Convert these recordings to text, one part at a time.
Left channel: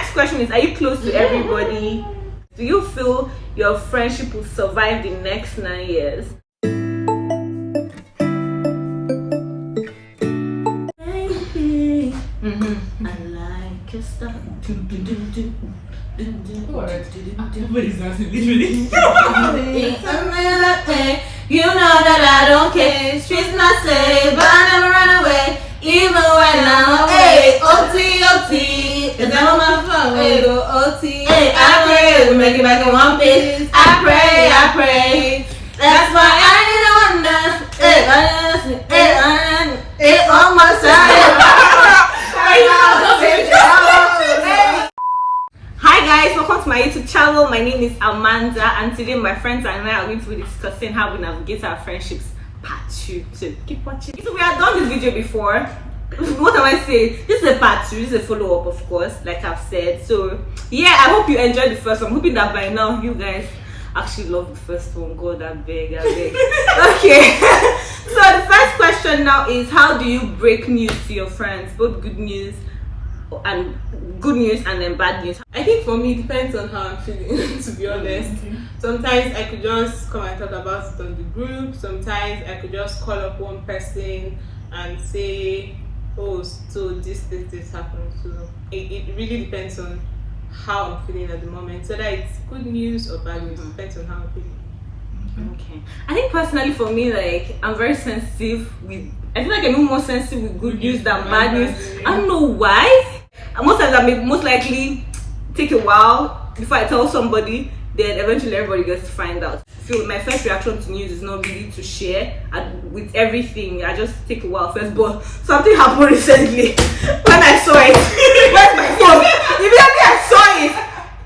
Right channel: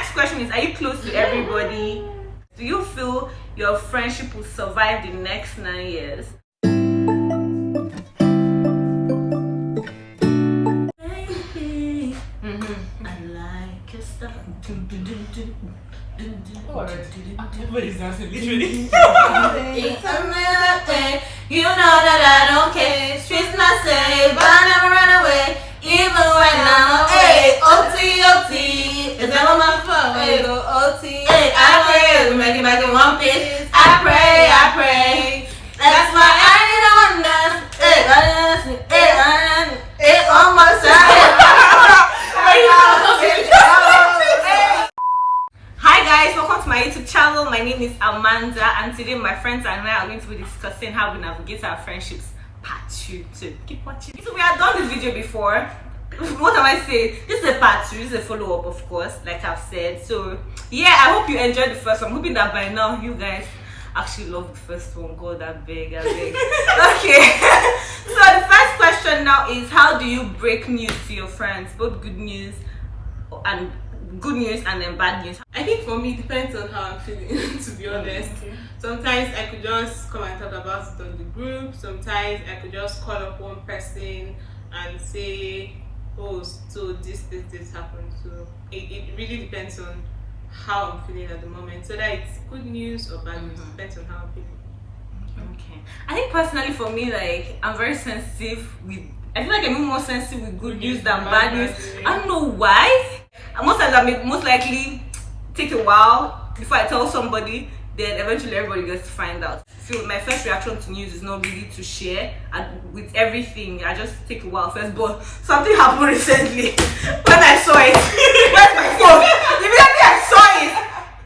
next question is, are you close to everybody? Do you feel your friendship will survive the next 9 years? I like your stuff. You know that I don't care. Streets not steady, but I never run away. Even when I'm OT, it's not my phone. We go OT. Hey, I pray, we make it back in one piece. I pray. That's why I didn't wonder. Hey, on my side. Hi guys, welcome to my YouTube channel. My name is Amanda, and today my friends and I are going to be discussing how we navigate our friendships part 2. So keep watching. So we have done this video before. What am I saying? This is a part 2. This is a follow-up, of course, like I've said. So yeah, I hope you enjoyed the first one. I'm hoping that by now you guys actually love the first one. God, I beg. Okay. So the first question now is, how do you break news to your friends? Both good news and then bad news. I think for me it depends on how I'm feeling, to be honest. Sometimes I could just come and talk about it on the group. Sometimes I could just call up one person and say, oh, so this happened. So it really depends on how I'm feeling at the moment. So that it's good news or bad news, depends on how I'm feeling. Okay. I think personally for me, like, I'm very sensitive with, I feel like I'm more sensitive with good news than bad news. I don't know why. Most times I may most likely take a while before I tell somebody, then eventually everybody gets to find out. I feel my first reaction to news is not really to share with everything. I just take a while first, but something happened recently when I saw it. Where's my phone? Immediately I saw it.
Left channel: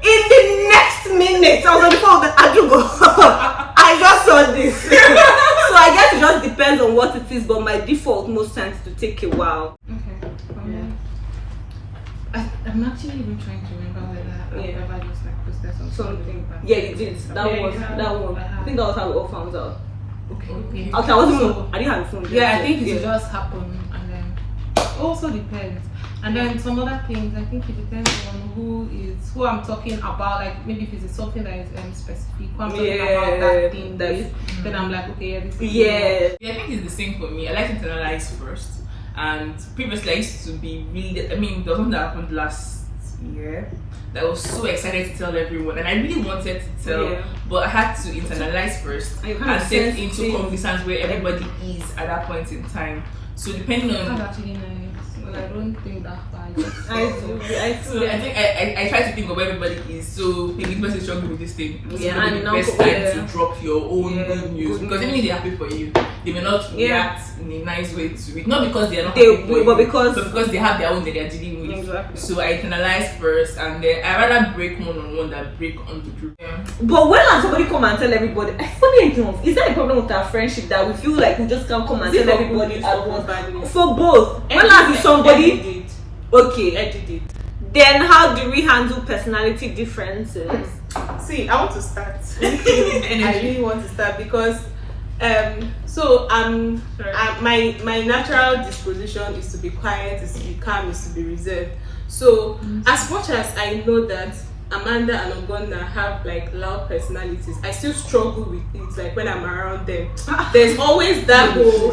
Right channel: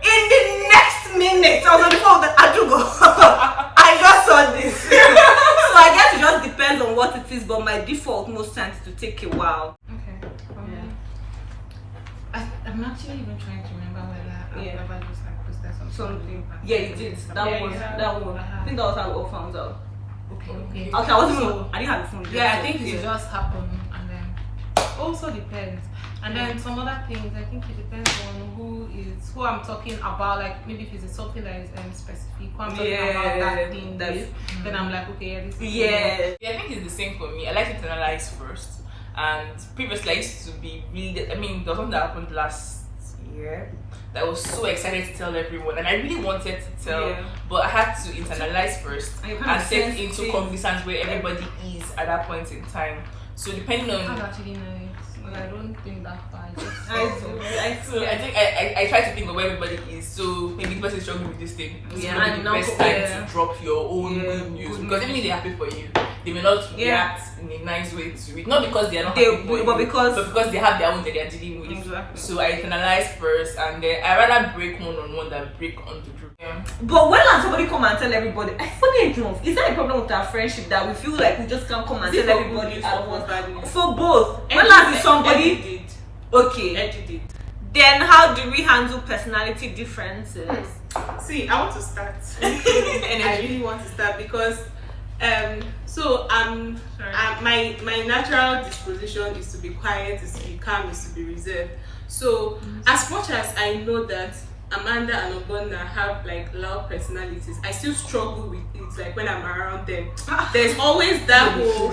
In the next minute, I was on the phone with Adugo. I just saw this. So I guess it just depends on what it is, but my default most times to take a while. Okay. I'm actually even trying to remember whether I've ever just like posted something. Yeah, you did. That one. I think that was how we all found out. Okay. I wasn't. I didn't have a phone. Yeah, I think it just happened, and then also depends. And then some other things, I think it depends on who I'm talking about. Like maybe if it's something that is specific, who I'm talking about that thing with, then I'm like, okay, this is I think it's the same for me. I like to internalize first. And previously I used to be really, there was something that happened last year that I was so excited to tell everyone, and I really wanted to tell, but I had to internalize first and set into conversations where everybody is at that point in time. So depending on, that's actually nice. Well, I don't think that far. I think I try to think of where everybody is. So maybe the person is struggling with this thing. And now best time to drop your own good news, because even if they're happy for you, they may not react in a nice way to it. Not because they are not happy for you, but because they have their own that they're dealing with. Exactly. So I internalize first, and then I rather break one-on-one than break on the group. But when somebody come and tell everybody, funny enough, is that a problem with our friendship that we feel like we just can't come and tell everybody at once? For both. When is somebody okay? Then how do we handle personality differences? See, I want to start. I really want to start because my natural disposition is to be quiet, is to be calm, is to be reserved. So as much as I know that Amanda and Ogonna have like loud personalities, I still struggle with it. Like when I'm around them, there's always that whole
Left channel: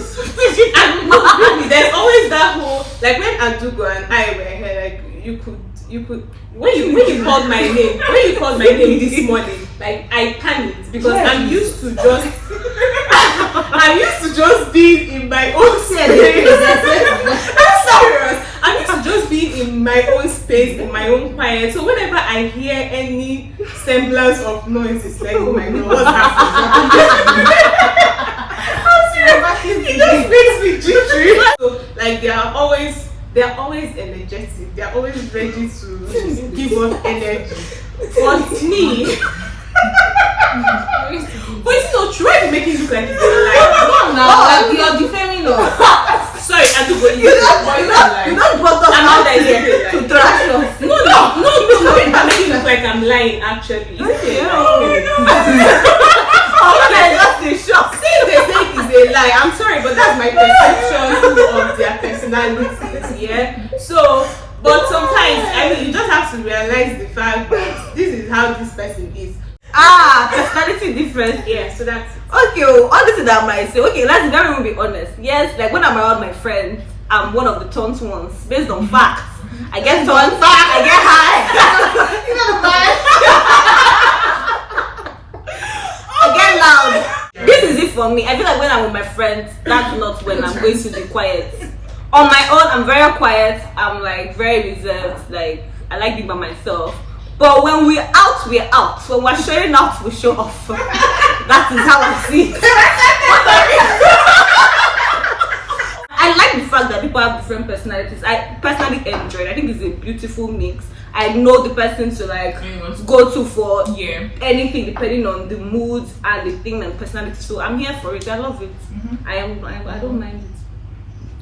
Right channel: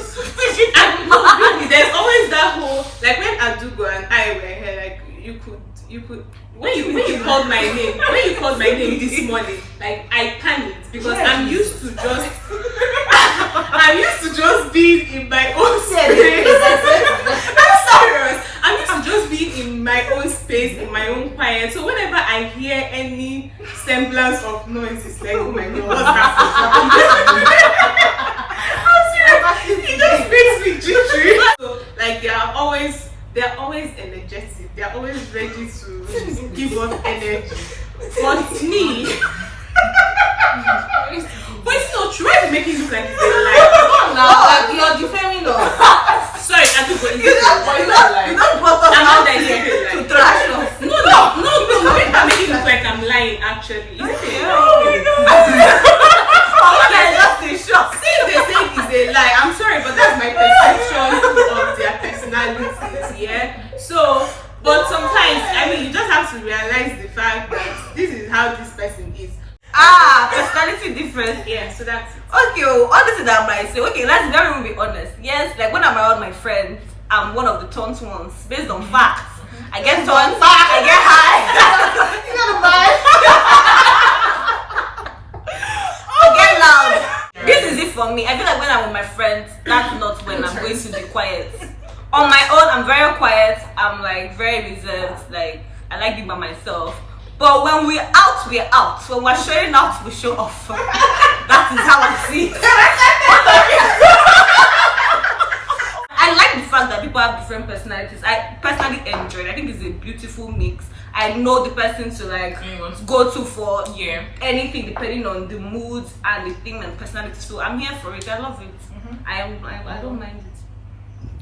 like when Adugo and I were here, like you could when you called my name this morning, like I panicked because I'm used to just being in my own space. I'm serious. I'm used to just being in my own space, in my own quiet. So whenever I hear any semblance of noise, it's like, oh my God, what's happening? I'm serious. It just makes me jittery. So like they're always energetic. They're always ready to give us energy. But me, but it's not true. Why are you making it look like it's a lie? You're defaming us. Sorry, I do believe you don't brought us out here to trash us. No. I'm making it look like I'm lying. Actually, just a shock. Since they say it's a lie, I'm sorry, but that's my perception of their personalities. Yeah. So But sometimes, I mean, you just have to realize the fact that this is how this person is. Personality difference. Yeah, so that's Okay, all this is that I might say. Okay, let's very be honest. Yes, like when I'm around my friends, I'm one of the taunt ones based on facts. I get taunt, I get high. You know the I get loud. This is it for me. I feel like when I'm with my friends, that's not when I'm going to be quiet. On my own, I'm very quiet. I'm like very reserved. Like I like being by myself. But when we're out, we're out. When we're showing out, we show off. That is how I see it. I like the fact that people have different personalities. I personally enjoy it. I think it's a beautiful mix. I know the person to like go to for anything depending on the mood and the thing and personality. So I'm here for it. I love it. I don't mind it.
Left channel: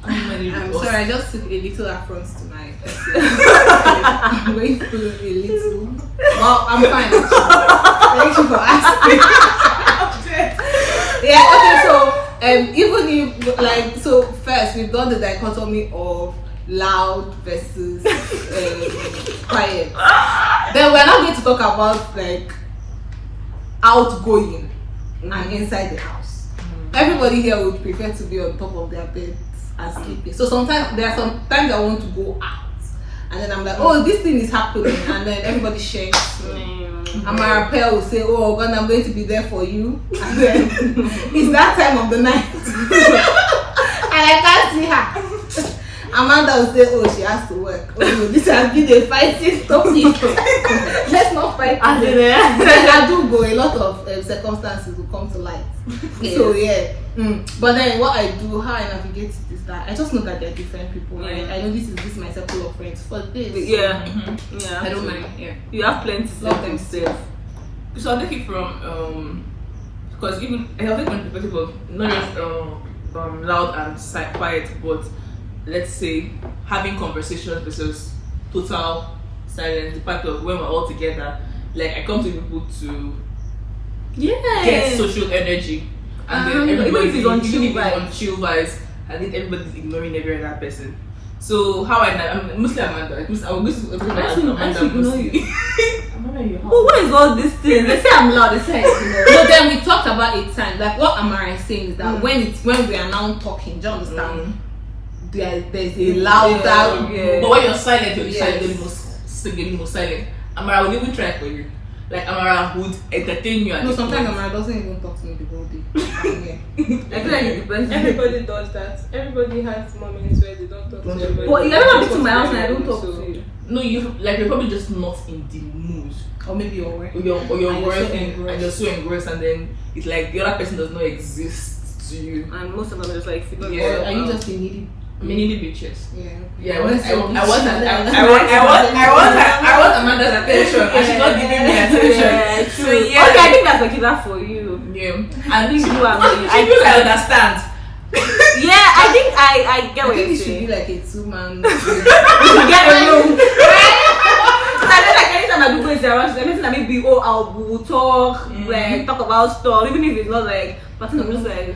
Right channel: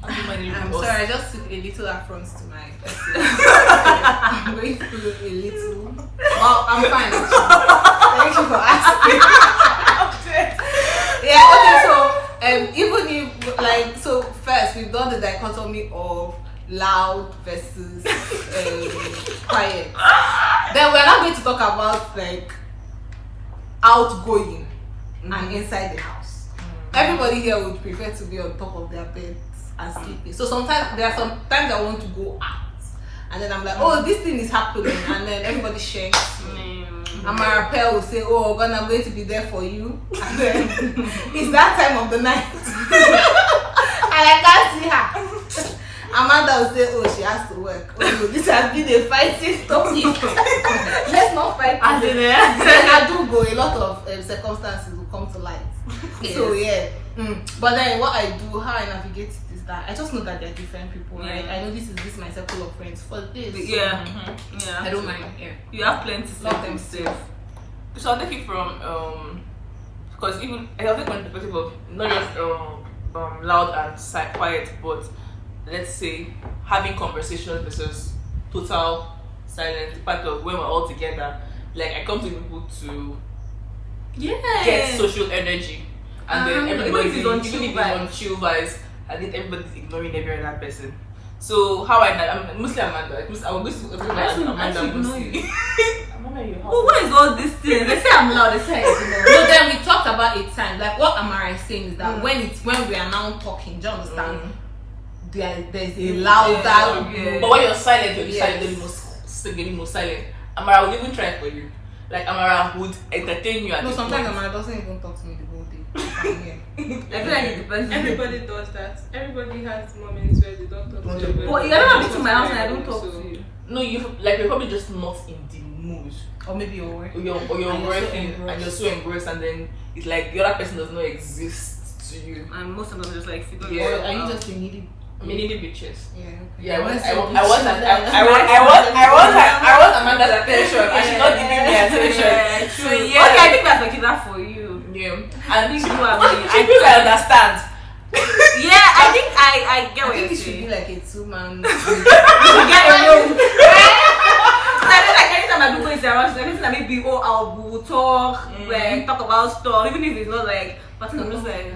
I'm sorry, I just took a little affront to my person. I'm going through a little. Well, I'm fine. Thank you for asking. Yeah, okay, so even if like so first we've done the dichotomy of loud versus quiet. Then we're not going to talk about like outgoing and inside the house. Everybody here would prefer to be on top of their bed and sleeping. So sometimes there are some times I want to go out and then I'm like, oh, this thing is happening, and then everybody shares. And my rappel will say, oh God, I'm going to be there for you. And then it's that time of the night. And I can't see her. Amanda will say, oh, she has to work. Oh no, this has been a fighting topic. Let's not fight. And then I do go, a lot of circumstances will come to light. Yes. So yeah. But then what I do, how I navigate it is that I just know that they're different people. Right? I know this is my circle of friends for this. Yeah. I don't mind. Yeah. You have plenty to Let them say. So I'll take it from because even I have taken the perspective of not just loud and quiet, but let's say having conversations versus total silence. The part of when we're all together, like I come to people to get social energy, and then everybody even if it's on chill vibes, I think everybody's ignoring every other person. So how I'm mostly Amanda. I will go to Amanda. Ignore you. Amanda, you But what is all these things? They say I'm loud. They say So then we talked about it time. Like what Amara is saying is that when we are now talking, do you understand? There's a louder. But when you're silent, you're getting most silent. Amara will even try for you. Like Amara would entertain you. No, sometimes Amara doesn't even talk to me the whole day. I feel like it depends. everybody does that. Everybody has moments where they don't talk to everybody. But you never been to my house and I don't talk to you. No, you're probably just not in the mood. Or maybe you're working. Or you're working and you're so engrossed, and then it's like the other person does not exist to you. And most of them are just like figure Or are you just a needy? Many bitches. Yeah. I want Amanda's attention. And she's not giving me attention. Yeah, true. Okay, I think that's like that for you. Yeah. I think you and me. I do understand. Yeah, I think I get what you're It should saying. be like a 2-man. We should get a room. I feel like anytime I do go around, she's like, that maybe we'll talk, like talk about stuff, even if it's not like. But I'm just like,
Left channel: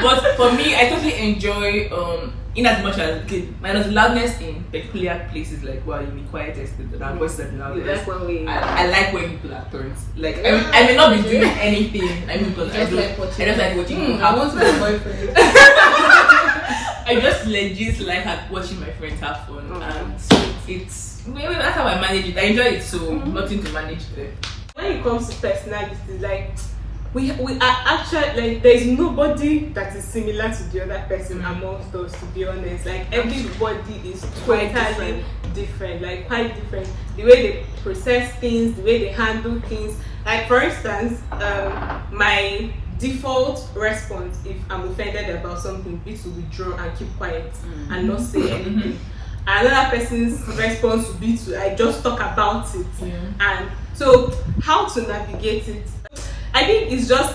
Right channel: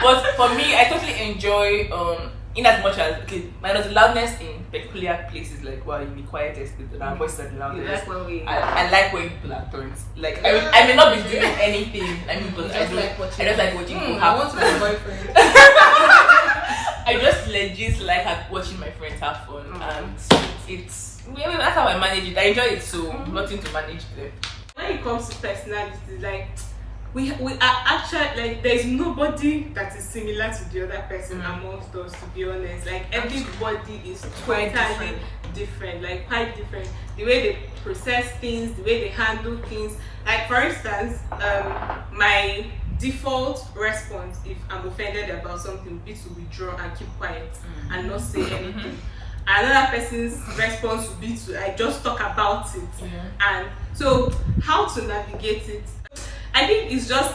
but for me, I totally enjoy in as much as minus loudness in peculiar places, like while in the quietest, the voices and the loudest. you like when we. I like when people are turns. Like I may not be doing anything. I mean, because I just like watching people I have want to be a boyfriend. I just legit like watching my friends have fun. And so it's maybe that's how I manage it. I enjoy it, so nothing to manage there. When it comes to personalities, like we are actually like there's nobody that is similar to the other person amongst us, to be honest. Like everybody is quite different, like quite different. The way they process things, the way they handle things. Like for instance, my default response if I'm offended about something would be to withdraw and keep quiet and not say anything. Another person's response would be to I just talk about it. And so how to navigate it, I think it's just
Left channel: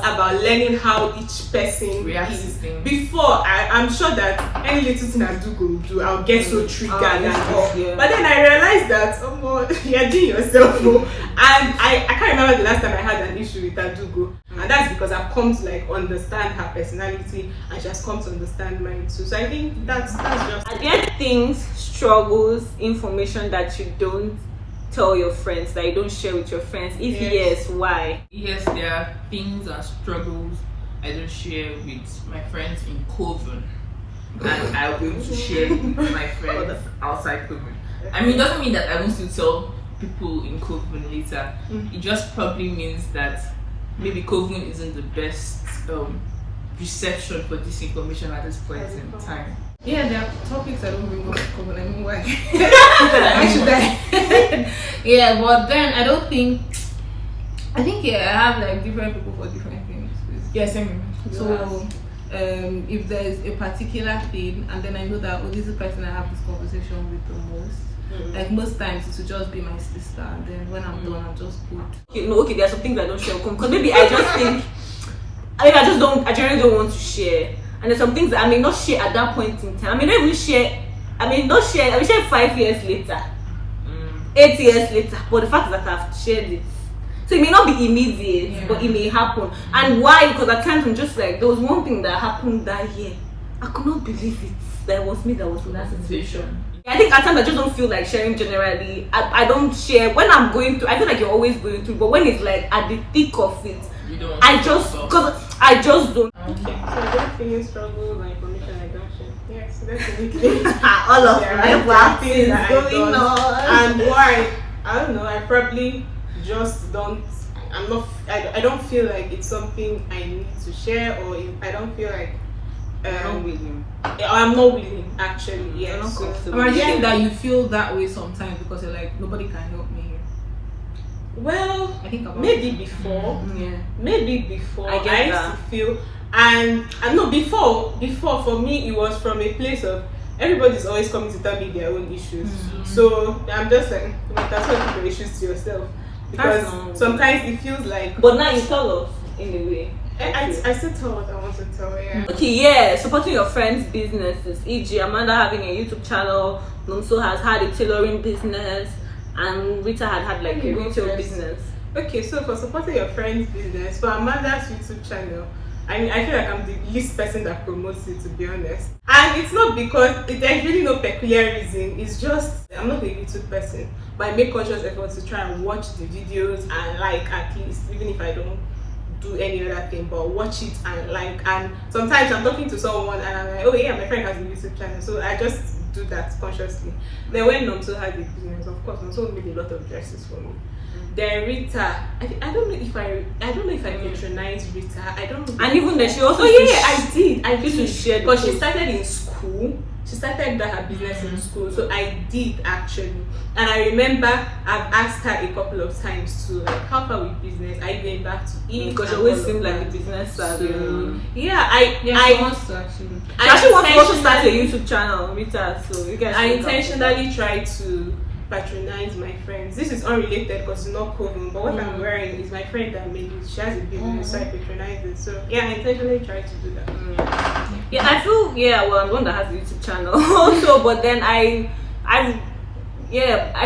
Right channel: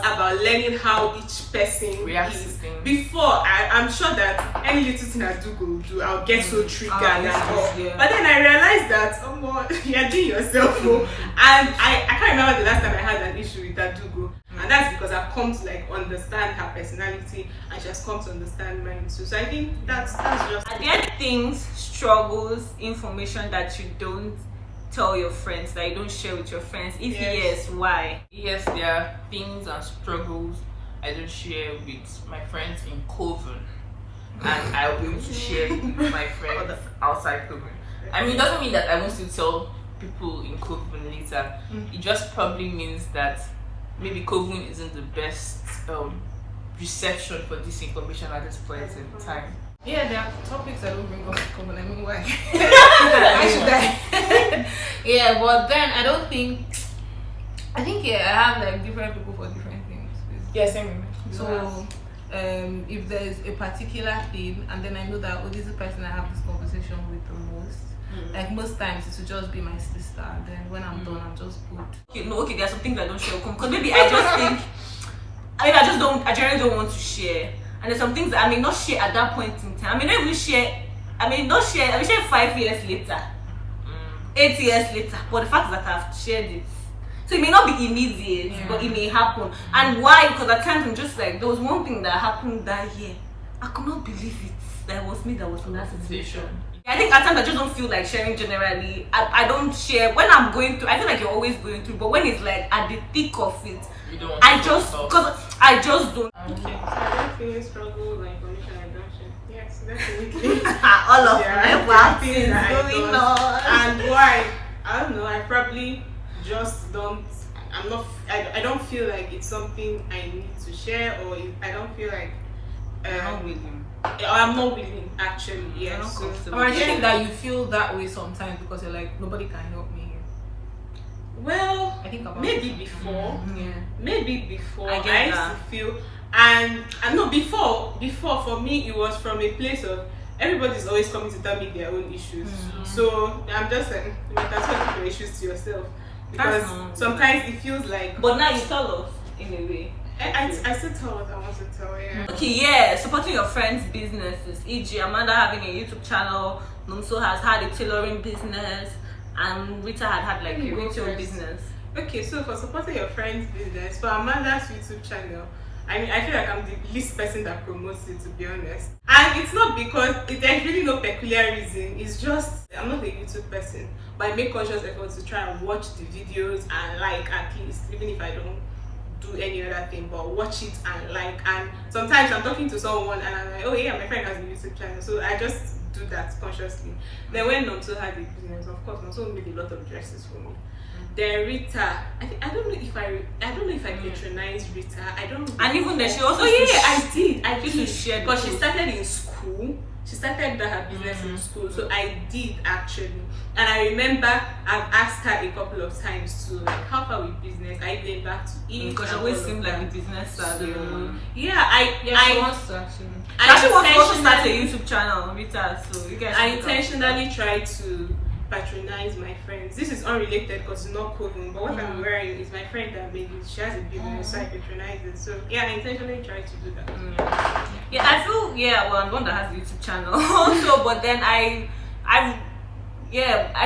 about learning how each person reacts is. Before I'm sure that any little thing I do, I'll get so triggered and all. But then I realized that you're doing yourself. And I can't remember the last time I had an issue with Adugo. And that's because I've come to like understand her personality, and she has come to understand mine too. So I think that's just. Are there things, struggles, information that you don't tell your friends, that you don't share with your friends? If yes, why? Yes, there are things and struggles I don't share with my friends in Coven, and I'll be able to share with my friends outside Coven. I mean, it doesn't mean that I want to tell people in Coven later. It just probably means that maybe Coven isn't the best reception for this information at this point in time. Yeah, there are topics I don't bring up to cover. I mean, why? Why should I? Yeah, but then I don't think. I think I have like different people for different things. Yes, same. So, if there is a particular thing, and then I know that this is the person I have this conversation with the most. Like most times, it will just be my sister, and then when I'm done, I'm just good. Okay, no, okay, there are some things I don't share because maybe I just think. I mean, I generally don't want to share. And there's some things that I may not share at that point in time. I may not even share. I will share 5 years later, 8 years later. But the fact is that I've shared it. So it may not be immediate, but it may happen. And why? Because at times I'm just like, there was one thing that happened that year. I could not believe it. That was me that was in that situation. I think at times I just don't feel like sharing generally. I don't share when I'm going through. I feel like you're always going through, but when it's like at the thick of it, I just don't. Okay, so definitely struggles and information I don't share. Yes, definitely. All of my things going on. And why? I don't know. I probably just don't. I don't feel like it's something I need to share, or I don't feel like. I'm willing. I'm not willing, actually. Yeah, not comfortable. I'm assuming that you feel that way sometimes because you're like, nobody can help me here. Well, I think about maybe before. Yeah. Maybe before I get that. used to feel, and no, before for me it was from a place of everybody's always coming to tell me their own issues. So I'm just like, you might as well keep your issues to yourself, because sometimes it feels like. But now you tell us in a way. I still tell what I want to tell. Yeah. Okay, yeah, supporting your friends' businesses, e.g. Amanda having a YouTube channel, Nomso has had a tailoring business, and Rita had like a retail business. Okay, so for supporting your friend's business, for Amanda's YouTube channel, I mean, I feel like I'm the least person that promotes it, to be honest. And it's not because there's really no peculiar reason. It's just I'm not a YouTube person, but I make conscious efforts to try and watch the videos and like, at least, even if I don't do any other thing, but watch it and like. And sometimes I'm talking to someone and I'm like, oh yeah, my friend has a YouTube channel, so I just do that consciously. Then when Nomso had the business, of course, Nomso made a lot of dresses for me. Then Rita, I don't know if I patronize Rita. I don't know. And even then, she also. Oh yeah, I did. I used to share because she started in school. She started her business in school, so I did actually. And I remember I've asked her a couple of times to like help her with business. I going back to eat because she always seemed like the business savvy. She wants to actually. She actually wants to also start a YouTube channel, Rita. So you guys. I intentionally try to patronize my friends. This is unrelated because it's not Coven, but what I'm wearing is my friend that made it. She has a business, so I patronize it. So yeah, I intentionally try to do that. Yeah, I feel well, I'm the one that has a YouTube channel also, but then I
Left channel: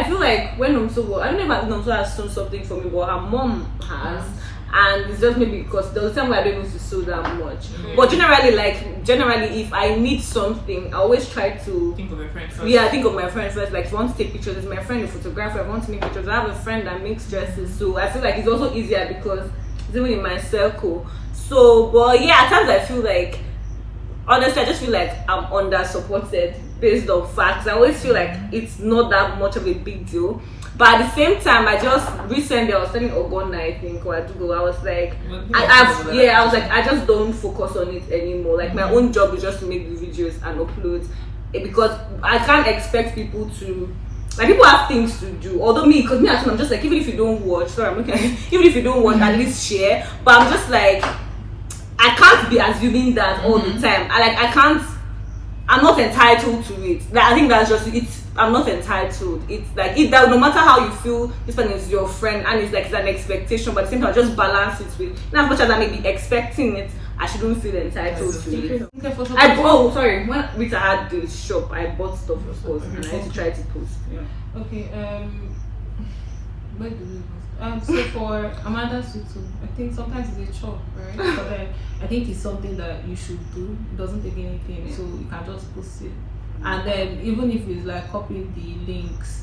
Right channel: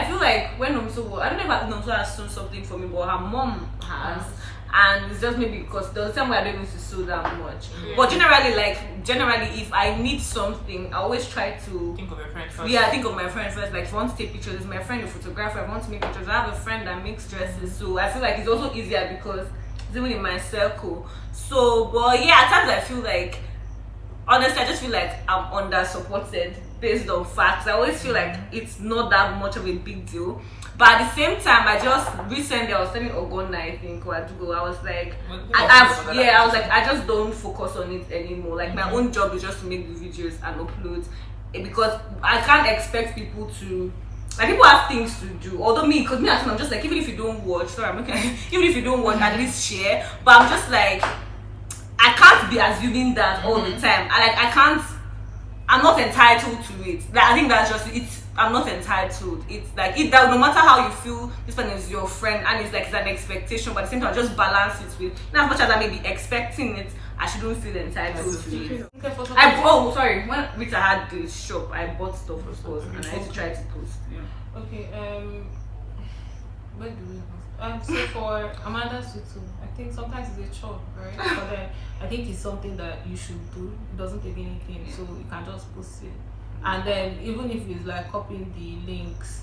feel like when Nomso, I don't know if Nomso has sewn something for me, but her mom has. And it's just maybe because there was a time where I don't used to sew that much. But generally, if I need something, I always try to think of your friend first. Yeah, think of my friend first. Like if I want to take pictures, it's my friend, a photographer. I want to make pictures. I have a friend that makes dresses, so I feel like it's also easier because it's even in my circle. So, but yeah, at times I feel like, honestly, I just feel like I'm under supported based on facts. I always feel like it's not that much of a big deal. But at the same time, I just recently I was telling Ogonna, I think, or Adugo, I was like, I was like, I just don't focus on it anymore. Like my own job is just to make the videos and upload, because I can't expect people to. Like people have things to do. Although because me actually, I'm just like, even if you don't watch, even if you don't watch, at least share. But I'm just like, I can't be assuming that all the time. I'm not entitled to it. Like, I think that's just it. I'm not entitled. It's like no matter how you feel, this one is your friend, and it's like it's an expectation. But at the same time, just balance it with. Not as much as I may be expecting it, I shouldn't feel entitled to it. When Rita had the shop, I bought stuff, of course, and I had to try to post. Yeah. Okay. Where do we go? So for Amanda's tutu, I think sometimes it's a chore, right? But then I think it's something that you should do. It doesn't take anything, so you can just post it. And then even if it's like copying the links,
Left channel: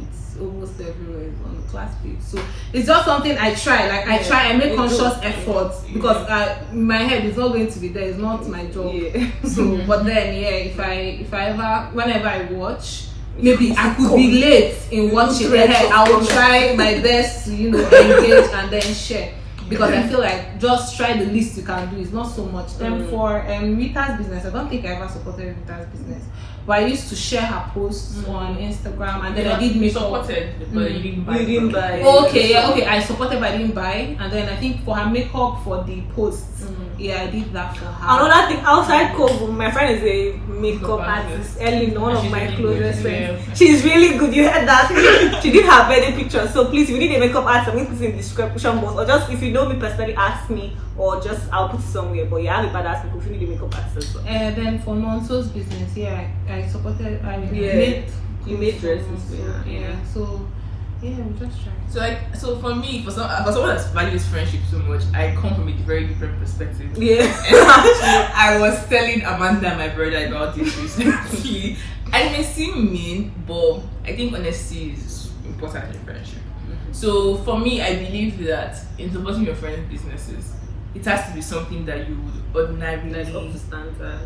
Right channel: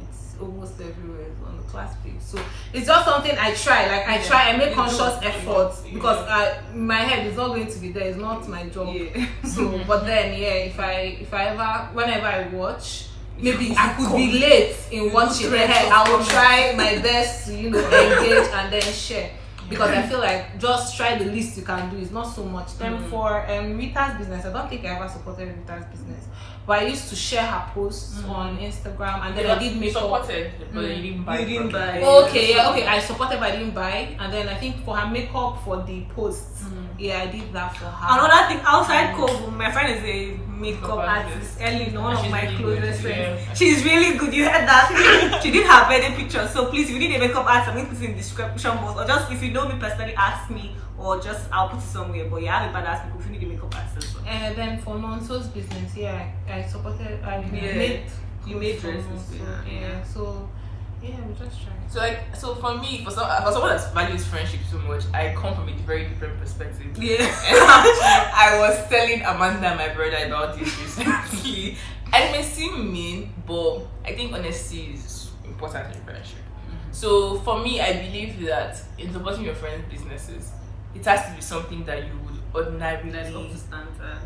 it's almost everywhere on the class page. So it's just something I try. Like I make conscious efforts because my head is not going to be there. It's not my job. Yeah. So, but then if I ever, whenever I watch, maybe I could be late in watching. I will try my best to engage and then share. Because I feel like just try the least you can do. It's not so much. Then for Rita's business, I don't think I ever supported Rita's business. But I used to share her posts on Instagram, and then I did make supported, but you didn't buy. You didn't buy. Okay, I supported, but I didn't buy. And then I think for her makeup for the posts, I did that for her. Another thing outside Kobo, my friend is a makeup artist. Ellen, one of my closest friends. She's really good. You heard that? She did her wedding picture. So please, if you need a makeup artist, I'm going to put it in the description box, or just if you know me personally, ask me, or just I'll put it somewhere. But yeah, I have a badass makeup if you need a makeup artist as well. And then for Nonso's business, I supported. You made dresses. So we just try. So for me, for someone that values friendship so much, I come from a very different perspective. Yeah. And actually, I was telling Amanda, my brother, about this recently. And it may seem mean, but I think honesty is important in friendship. So for me, I believe that in supporting your friends' businesses, it has to be something that you would ordinarily up to standard.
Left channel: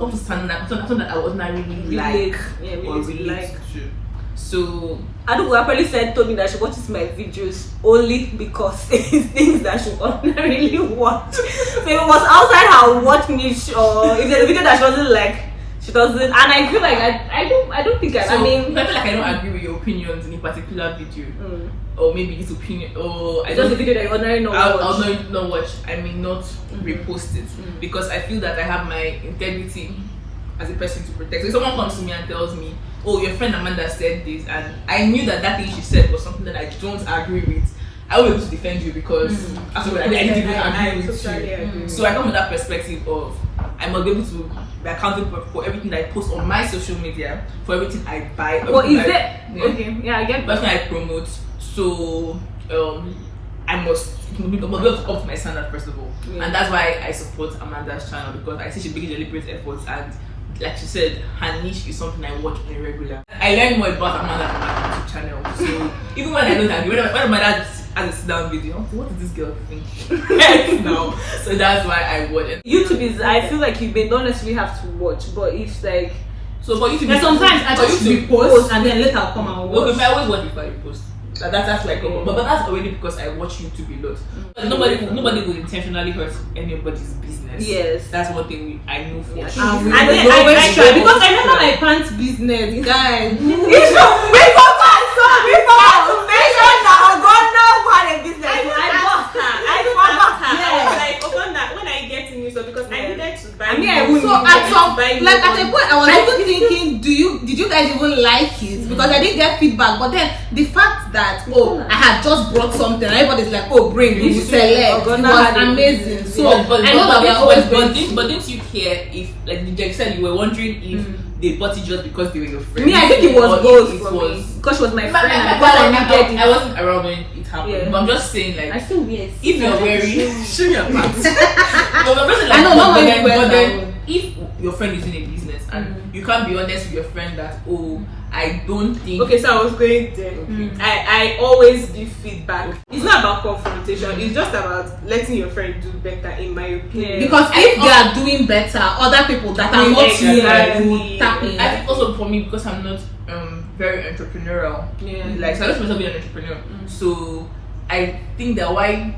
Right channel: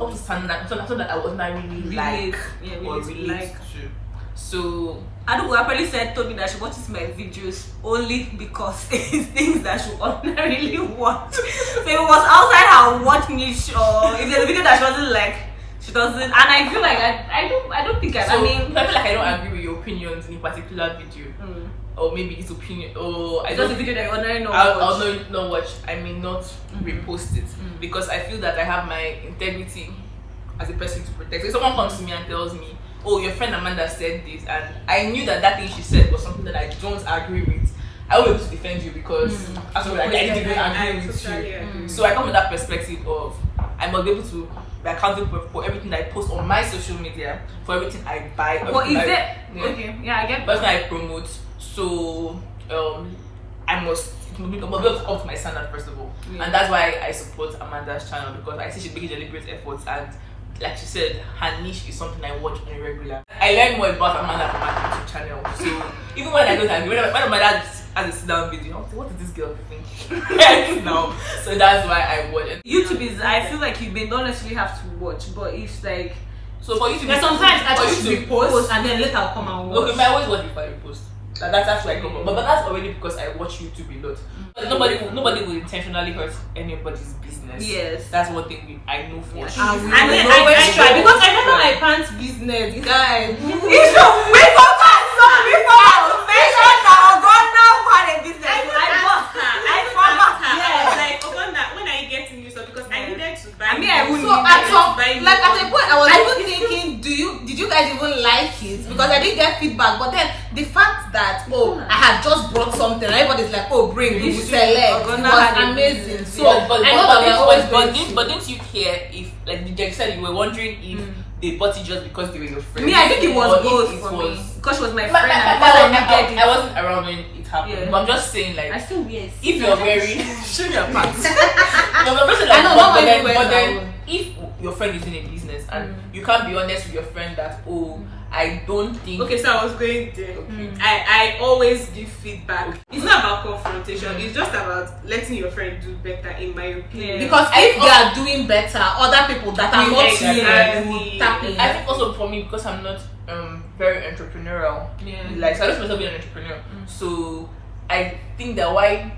Up to standard, something that I would ordinarily like. Yeah, really like. To. So Adubu probably told me that she watches my videos only because it's things that she ordinarily watch. So if it was outside her watch niche, or if there's a video that she doesn't like, she doesn't. And I feel like I don't think I feel like I don't agree with your opinions in a particular video. Or maybe this opinion, or I just a video that you ordinarily not watch. I'll not watch. I mean, not repost it because I feel that I have my integrity as a person to protect. So if someone comes to me and tells me, "Oh, your friend Amanda said this," and I knew that thing she said was something that I don't agree with, I will be able to defend you because actually I didn't even agree with you. So I come with that perspective of I must be able to be accountable for everything I post on my social media, for everything I buy. Well, is it okay? Yeah, I get that. Everything I promote. So I must be able to up to my standard first of all, and that's why I support Amanda's channel because I see she really deliberate efforts, and like she said, her niche is something I watch on a regular. I learn more about Amanda from my YouTube channel. So even when I don't agree, when Amanda has a sit down video, what is this girl think? No, so that's why I watch it. YouTube is. I feel like you may not necessarily have to watch, but it's like. So for you to sometimes I just repost and then later I'll come and watch. Okay, I always watch before I repost. That's like, but that's already because I watch YouTube a lot. Nobody will intentionally hurt anybody's business. Yes, that's one thing I know for sure. And we always try because I remember my pants business, guys. It's true. We forgot to mention that Ogonna had a business. I forgot her. Yeah, like Ogonna when I get to news because I needed to buy. I wouldn't. So at a point I was even thinking, did you guys even like it? Because I didn't get feedback, but then the fact that I had just brought something, everybody's like, bring, we will sell it. It was amazing. So I know that we're always going. But didn't you care if, like you said, you were wondering if they bought it just because they were your friend? Me, I think it was both for me because she was my friend and because I needed it. I wasn't around when it happened. Yeah. But I'm just saying, like, I still wear. If you're wearing, show your pants. I know, not when you wear that. If your friend is in a business and you can't be honest with your friend that I don't think. Okay, so I was going there. I always give feedback. It's not about confrontation. It's just about letting your friend do better, in my opinion. Because if they are doing better, other people that are not here will tap in. I think also for me because I'm not very entrepreneurial. Like so I just myself be an entrepreneur. So I think that why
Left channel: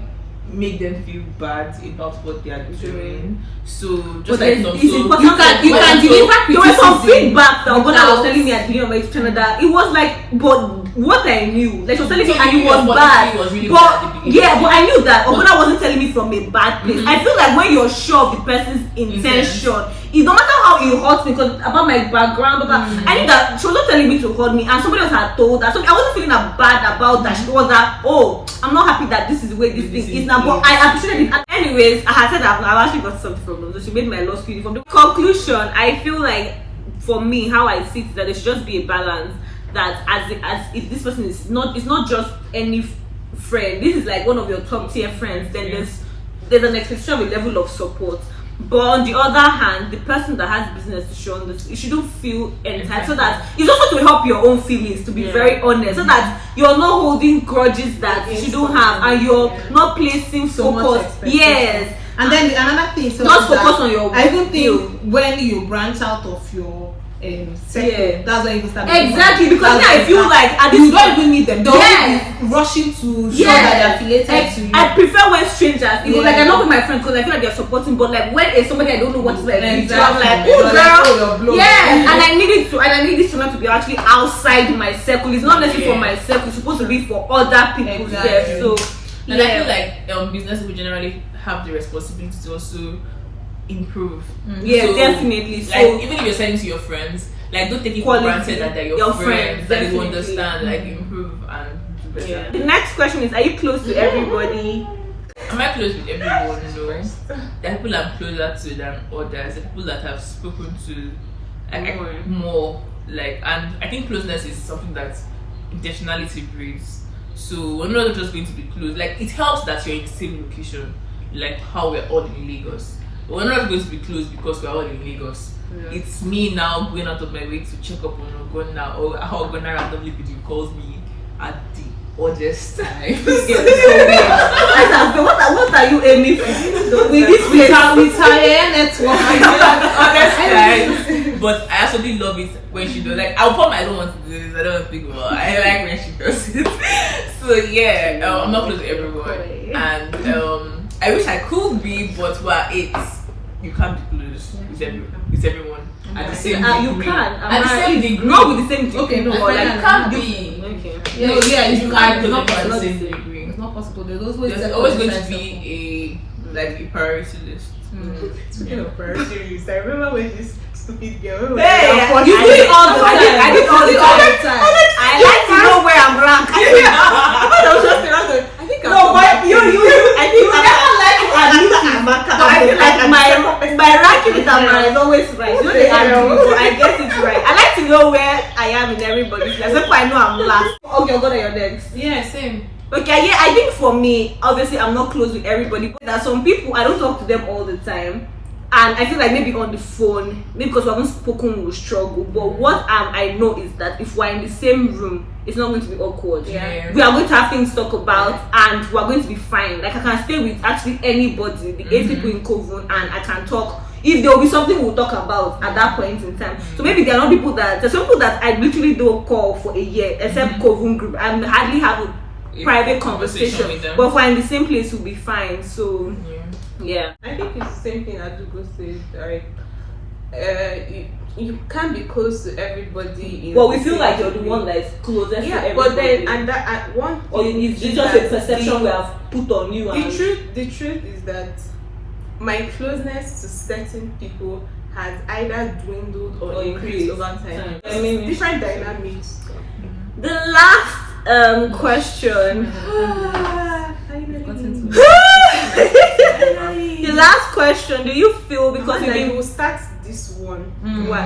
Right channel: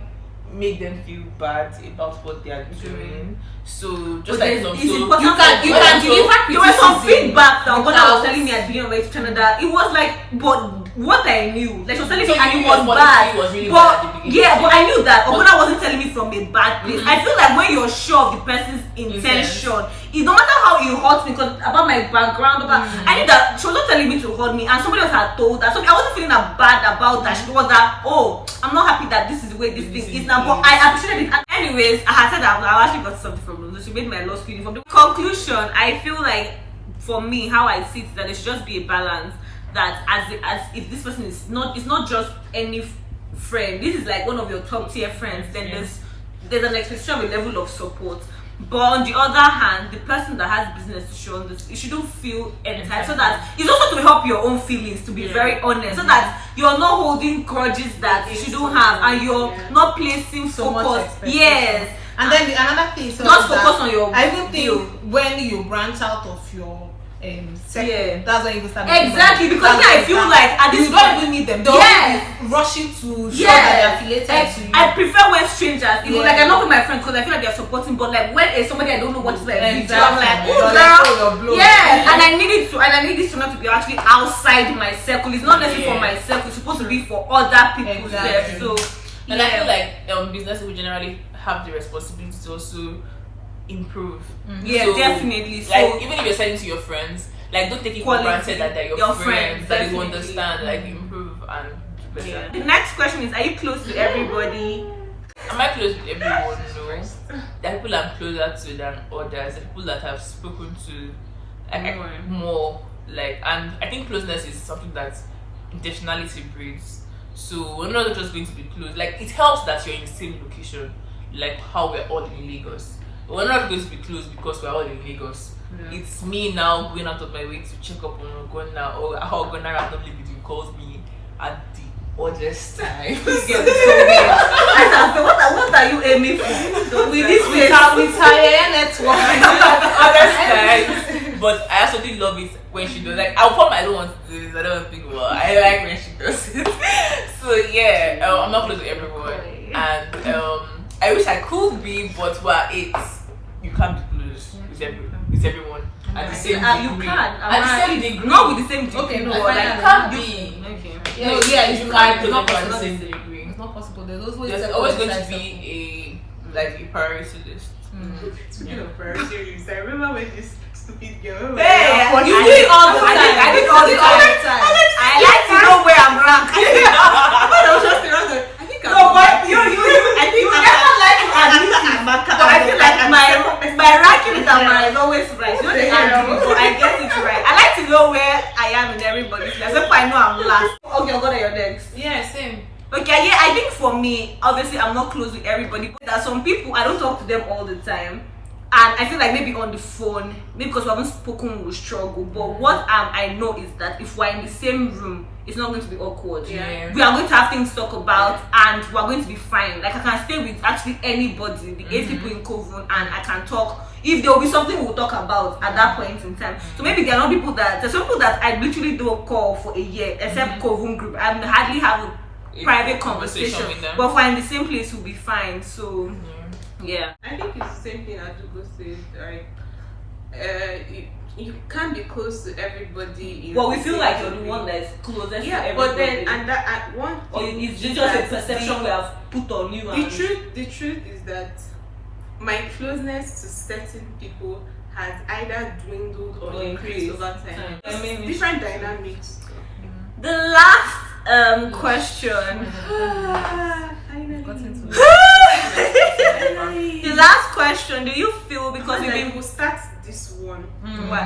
make them feel bad about what they are doing. So just like it's important you can deliver. There was some feedback that Ogonna was telling me at the beginning of my channel that it was like, but what I knew, like she was telling me and it was bad. But I knew that Ogonna wasn't telling me from a bad place. I feel like when you're sure of the person's intention, it no matter how it hurts me, because about my background, I knew that she was not telling me to hurt me, and somebody else had told her. So I wasn't feeling bad about that. She was that, I'm not happy that this is the way this thing is now, but I appreciated it. Anyways, I had said that I actually got something from them. So she made my law school uniform. The conclusion, I feel like for me, how I see it is that there should just be a balance. that as if this person is not, it's not just any friend. This is like one of your top tier friends. Then there's an expectation of a level of support. But on the other hand, the person that has business to show on this, you shouldn't feel entitled. So that it's also to help your own feelings, to be very honest, so that you're not holding grudges that you shouldn't have, and you're not placing focus. Yes. And then another thing, so just focus on your. I even think when you branch out of your sector, that's when you start. Exactly, because I feel like at this you don't even need them. They're rushing to show that they're affiliated to you. I prefer when strangers, even like I'm not with my friends because I feel like they're supporting, but like when it's somebody I don't know what is like, I'm like, oh girl, yes, and I need this to not to be actually outside my circle. It's not necessarily for my circle. It's supposed to be for other people's stuff. So and I feel like business people generally have the responsibility to also improve. Yeah, so, definitely. Like, So even if you're selling to your friends, like don't take it for granted that they're your friends, that you understand, like improve and do better. yeah. The next question is: are you close to everybody? Am I close with everyone? No. There are people I'm closer to than others. There are people that I've spoken to more. Like, and I think closeness is something that intentionality breeds. So we're not just going to be close. Like, it helps that you're in the same location, like how we're all in Lagos. But we're not going to be close because we're all in Lagos. Yeah. It's me now going out of my way to check up on Ogonna, or how Ogonna randomly video calls me at the oddest time. This girl is so weird. What are you aiming for? With this network. But I actually love it when she does. Like, I'll put my, I don't want to do this, I don't want to think about it. I like when she does it. So yeah, I'm not close to everyone. And I wish I could be, but you can't be close with everyone. You can. Not with the same degree. Okay, no, like can't be. Okay. No, yeah, you can't. It's not possible. possible. It's not possible. There's always going to be a priority list. Speaking of priority list, I remember when this stupid girl. Hey, you do it all the time. I did all the time. I like to know where I'm ranked. I think no, but you never like Amaka. But I feel like my ranking with Amara is always right. You know they argue, but I get it right. I like to know where I am in everybody's life. So I know I'm last. Okay, I'll go to your next. Yeah, same. Okay, yeah, I think for me, obviously I'm not close with everybody, but there are some people I don't talk to them all the time. And I feel like maybe on the phone, maybe because we haven't spoken, we'll struggle. But what I know is that if we're in the same room, it's not going to be awkward. Yeah. We are going to have things to talk about, and we're going to be fine. Like, I can stay with actually anybody, the 8 people in Kovun, and I can talk. If there will be something we'll talk about at that point in time. So maybe there are not people there's some people that I literally don't call for a year, except Kovun group. I hardly have a private conversation. But if we're in the same place, we'll be fine. So. Yeah, I think it's the same thing Adugo said. Like, you can't be close to everybody. Well, we feel like you're the one that's closest to everybody. But then at one or it's just a perception we have put on you. The truth is that my closeness to certain people has either dwindled or increased over time. I mean, different dynamics. The last question. The last question, do you feel because we've been will start this one? Why?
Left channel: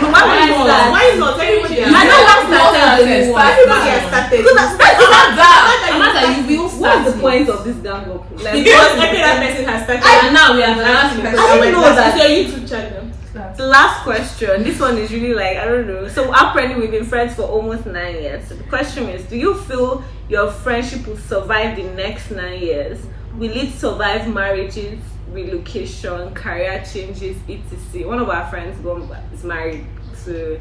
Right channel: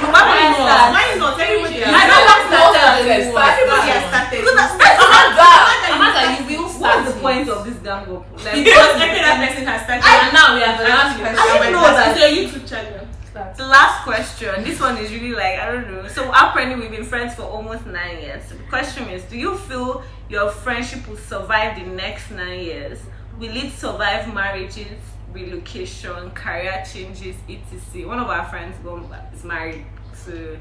No, why not? Why not? Everybody I know everybody has started. What's the point of this gang up? Like, because every other person has started, and now we have the last person. I didn't know that. It's your YouTube channel. The last question. This one is really like, I don't know. So apparently we've been friends for almost 9 years. So the question is, do you feel your friendship will survive the next 9 years? Will it survive marriages, relocation, career changes, etc.? One of our friends is married. So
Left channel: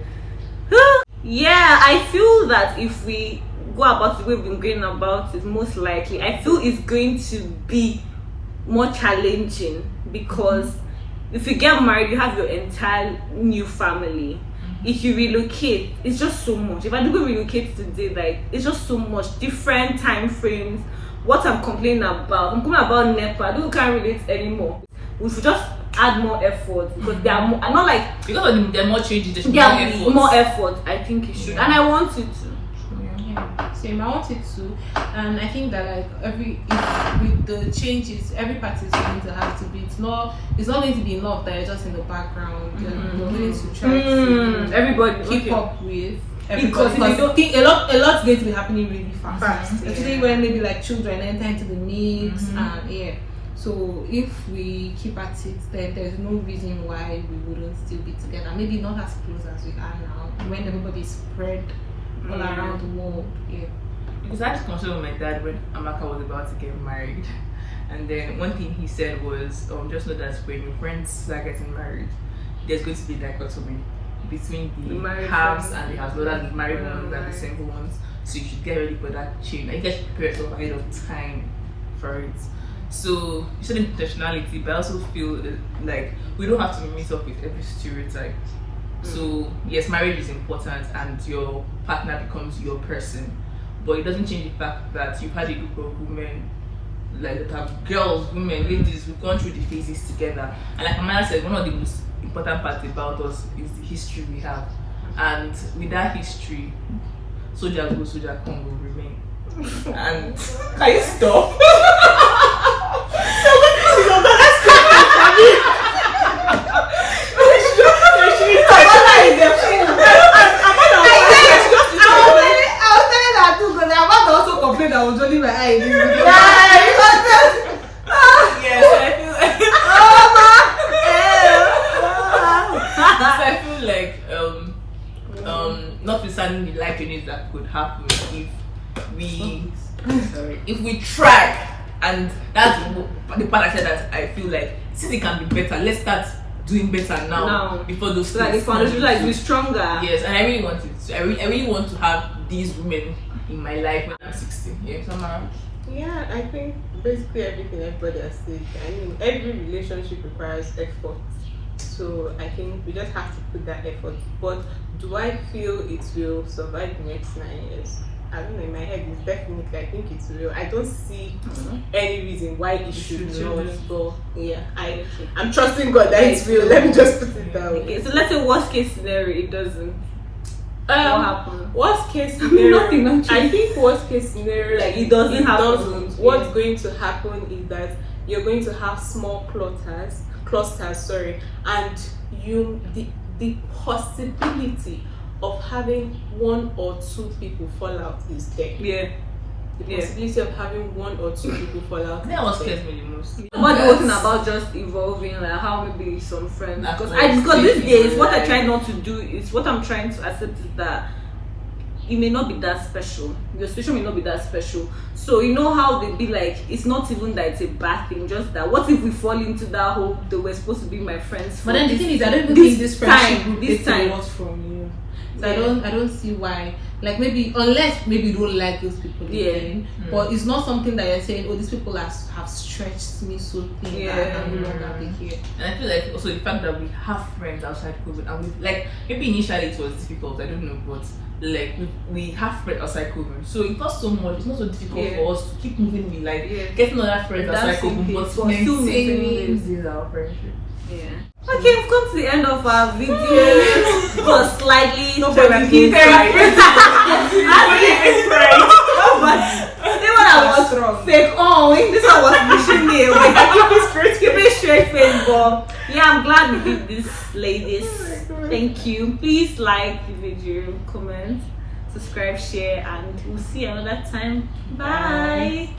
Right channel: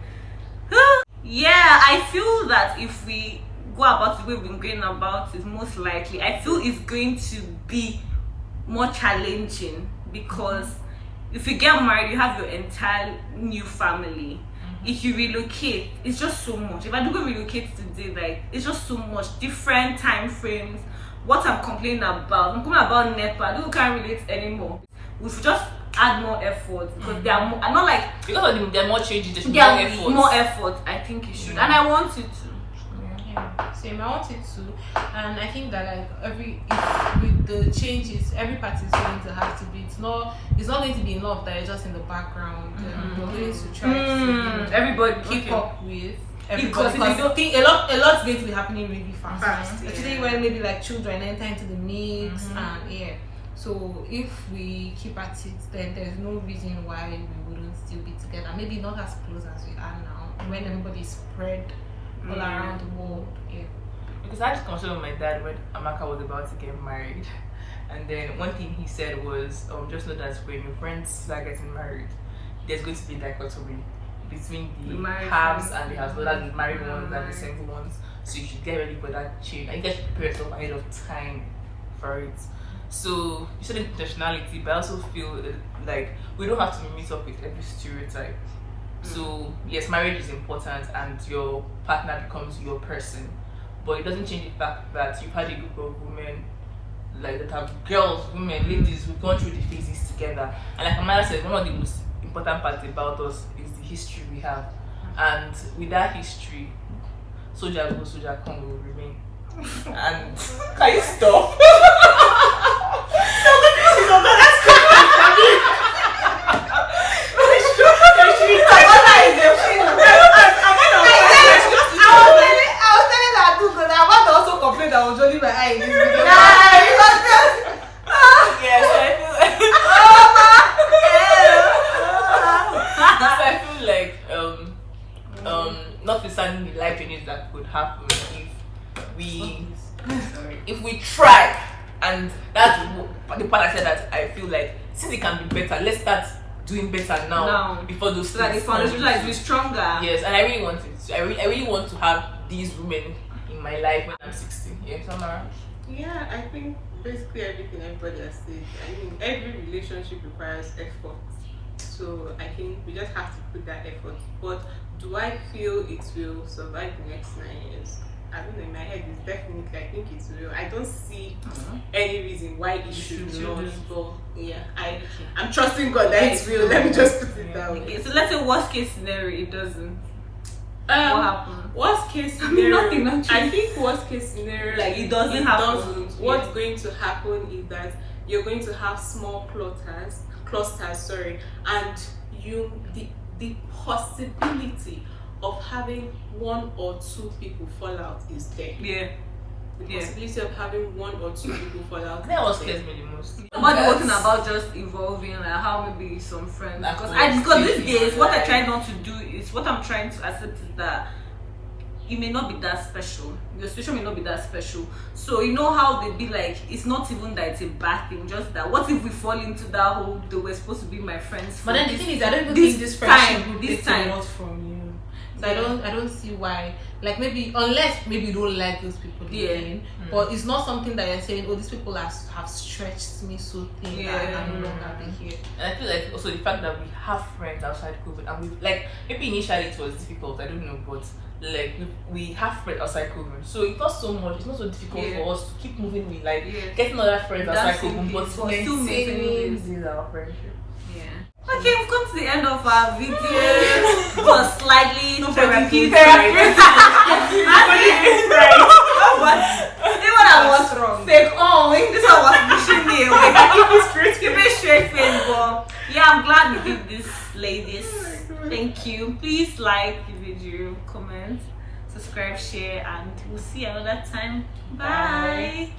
yeah, I feel that if we go about the way we've been going about it, most likely I feel it's going to be more challenging because if you get married, you have your entire new family. If you relocate, it's just so much. If I do go relocate today, like, it's just so much. Different time frames. What I'm complaining about. I'm complaining about NEPA. I can't relate anymore. We should just add more effort because they are more, I'm not like... Because there are more changes, there should be more effort. I think you should. And I want it to. Same, I want it to, and I think that like with the changes, every party is going to have to be. It's not going to be enough that you're just in the background. You're going to try to everybody keep up with. Because if you don't- a lot's going to be happening really fast. Especially yeah. when maybe like children enter into the mix and yeah. So if we keep at it, then there's no reason why we wouldn't still be together. Maybe not as close as we are now, when everybody's spread all around the world. Yeah. Because I just consulted with my dad when Amaka was about to get married, and then one thing he said was, just know that when your friends are getting married, there's going to be dichotomy between the married haves friends. and the haves, whether the married ones and the single ones. So you should get ready for that change. And you guys should prepare yourself ahead of time for it. So you said intentionality, but I also feel like we don't have to meet up with every stereotype. So yes, marriage is important and your partner becomes your person, but it doesn't change the fact that you've had a group of women, like that have girls, women, ladies, we've gone through the phases together. And like Amanda said, one of the most important parts about us is the history we have. And with that history, soldier go, soldier come will remain. And can you stop? I was only my eyes. I feel like notwithstanding the life changes that could happen if we try, and that's the part I said that I feel like since it can be better, let's start doing better now before those so that the foundation like be stronger. Yes, and I really want it. I really want to have these women in my life when I'm 16. Yeah, Samara. Yeah, I think basically everything everybody has said. I mean, every relationship requires effort. So I think we just have to put that effort. But do I feel it will survive the next 9 years? I don't know, in my head it's definitely, I think it's real. I don't see any reason why it should not. But yeah, I'm trusting God that it's real. Let me just put it down. Okay, so let's say worst case scenario, it doesn't. What happened? Worst case scenario, nothing actually. I think worst case scenario, Like it doesn't happen. What's going to happen is that you're going to have small clusters, and the possibility of having 1 or 2 people fall out is there. Yeah. The possibility of having 1 or 2 people fall out. That was scares me the most. But the whole thing about just evolving, like how maybe some friends, because these days what I try not to do is, what I'm trying to accept is that it may not be that special. Your situation may not be that special. So you know how they be like, it's not even that it's a bad thing, just that what if we fall into that whole they were supposed to be my friends. But then the thing is, I don't even this think this friendship time, will this take time. a lot from you. So I don't see why. Like maybe unless maybe you don't like those people again, but it's not something that you're saying, oh, these people have stretched me so thin that I no longer be here. And I feel like also the fact that we have friends outside COVID, and we like maybe initially it was difficult, I don't know, but like we have friends outside COVID, so it's not so much, it's not so difficult for us to keep moving with like getting other friends outside COVID, but still maintaining our friendship. Yeah. Okay, we've come to the end of our video. It was slightly therapeutic. But even when I was fake, this one was pushing me away. Keep it straight face, but yeah, I'm glad we did this, ladies. Thank you. Please like the video, comment, subscribe, share, and we'll see you another time. Bye.